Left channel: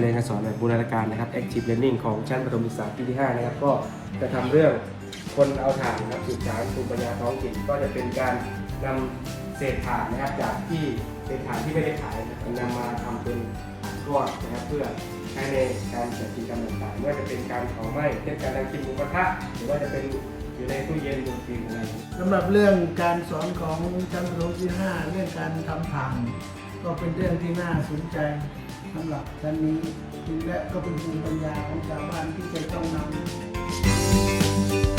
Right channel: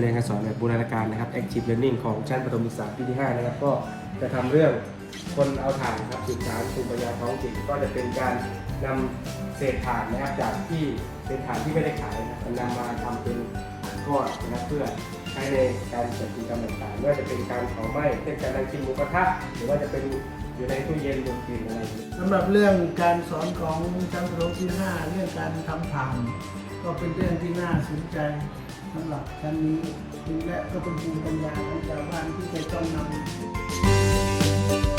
เรียนการสอนแบบบูรณาการนะครับ Active Learning ของชั้นประถมศึกษาปีที่ 5 นะครับ ก็จะทำเรื่องคนเอาถ่านนะครับสืบสารภูมิปัญญาท้องถิ่นก็จะเป็นการนำเศษถ่านนะครับจากที่เป็นถ่านที่ไม่ได้ขายนะครับนำมาทำเป็นถ่านก้อนนะครับเพื่อใช้ในการจัดกิจกรรมต่างๆไม่ว่าจะเป็นการเผาไหม้เช่นการนั่งกินหมูกระทะหรือว่าจะเป็นอยู่ในตู้เย็นบนฟิล์มอะไรอย่างนี้สำหรับเรื่องการสอนของชั้นประถมที่ห้าเรื่องการทำผ่าน ก็เป็นเรื่องที่น่าสนใจ สำหรับชั้นนี้และก็เป็นภูมิปัญญาของชาวบ้านที่จะต้องนำ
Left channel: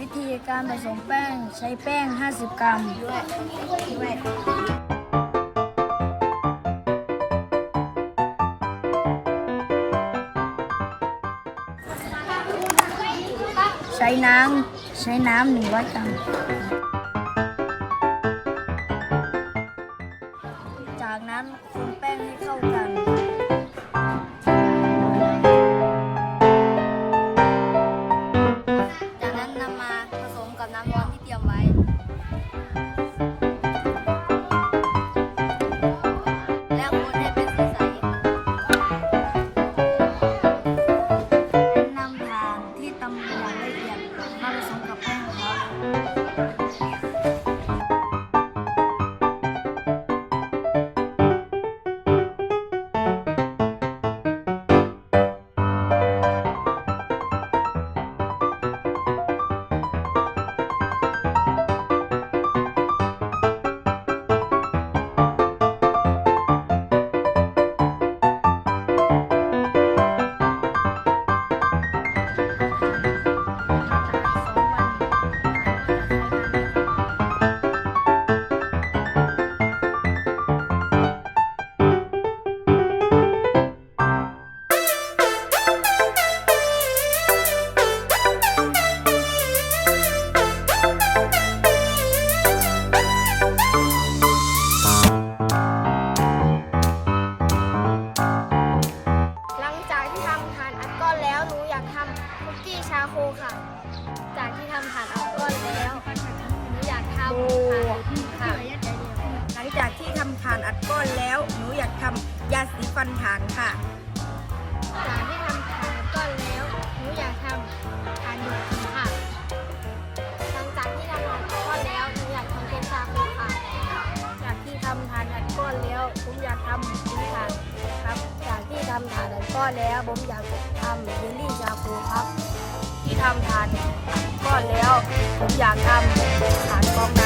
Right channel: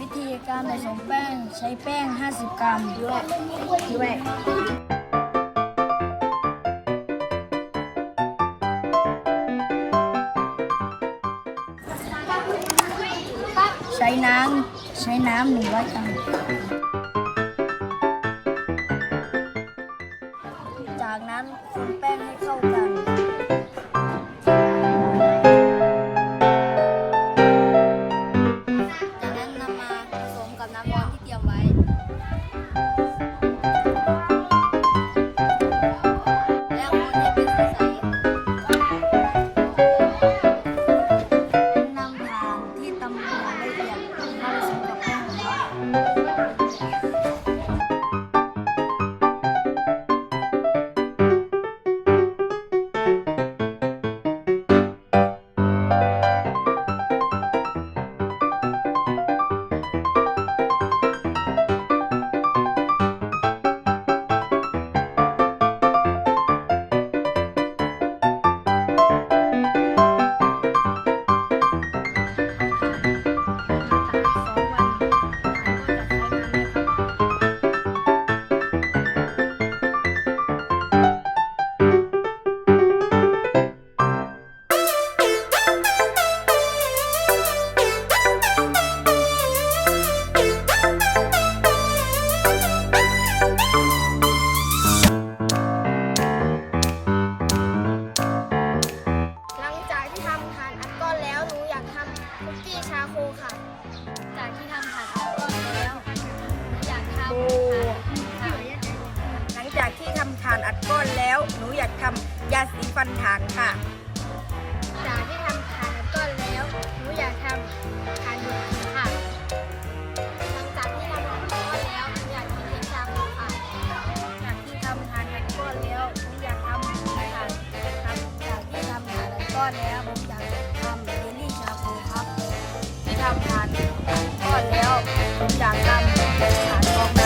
วิธีการผสมแป้งใช้แป้ง 50 กรัม ใช้น้ำใช้น้ำ100กรัม จากนั้นคนแป้งให้เข้ากัน ไว้ ที่ทำฐานอัดก้อนแล้ว หนูอยากทำยาสีฟันฐานค่ะ จากที่ทำฐานอัดก้อนแล้ว หนูอยากทำฐานดูดกลิ่นค่ะ หลังจากที่ทำฐานอัดก้อนแล้ว หนูอยากทำเค้กชาโคค่ะ จากที่ทำฐานอัดก้อนแล้ว ผมอยากทำฐานครับ จากที่ทำฐานอัดก้อนแล้ว ผมอยากทำเยลลี่ชาโคครับ ที่ทำฐานก้อนแล้ว ผมอยากทำฐานฟองน้ำ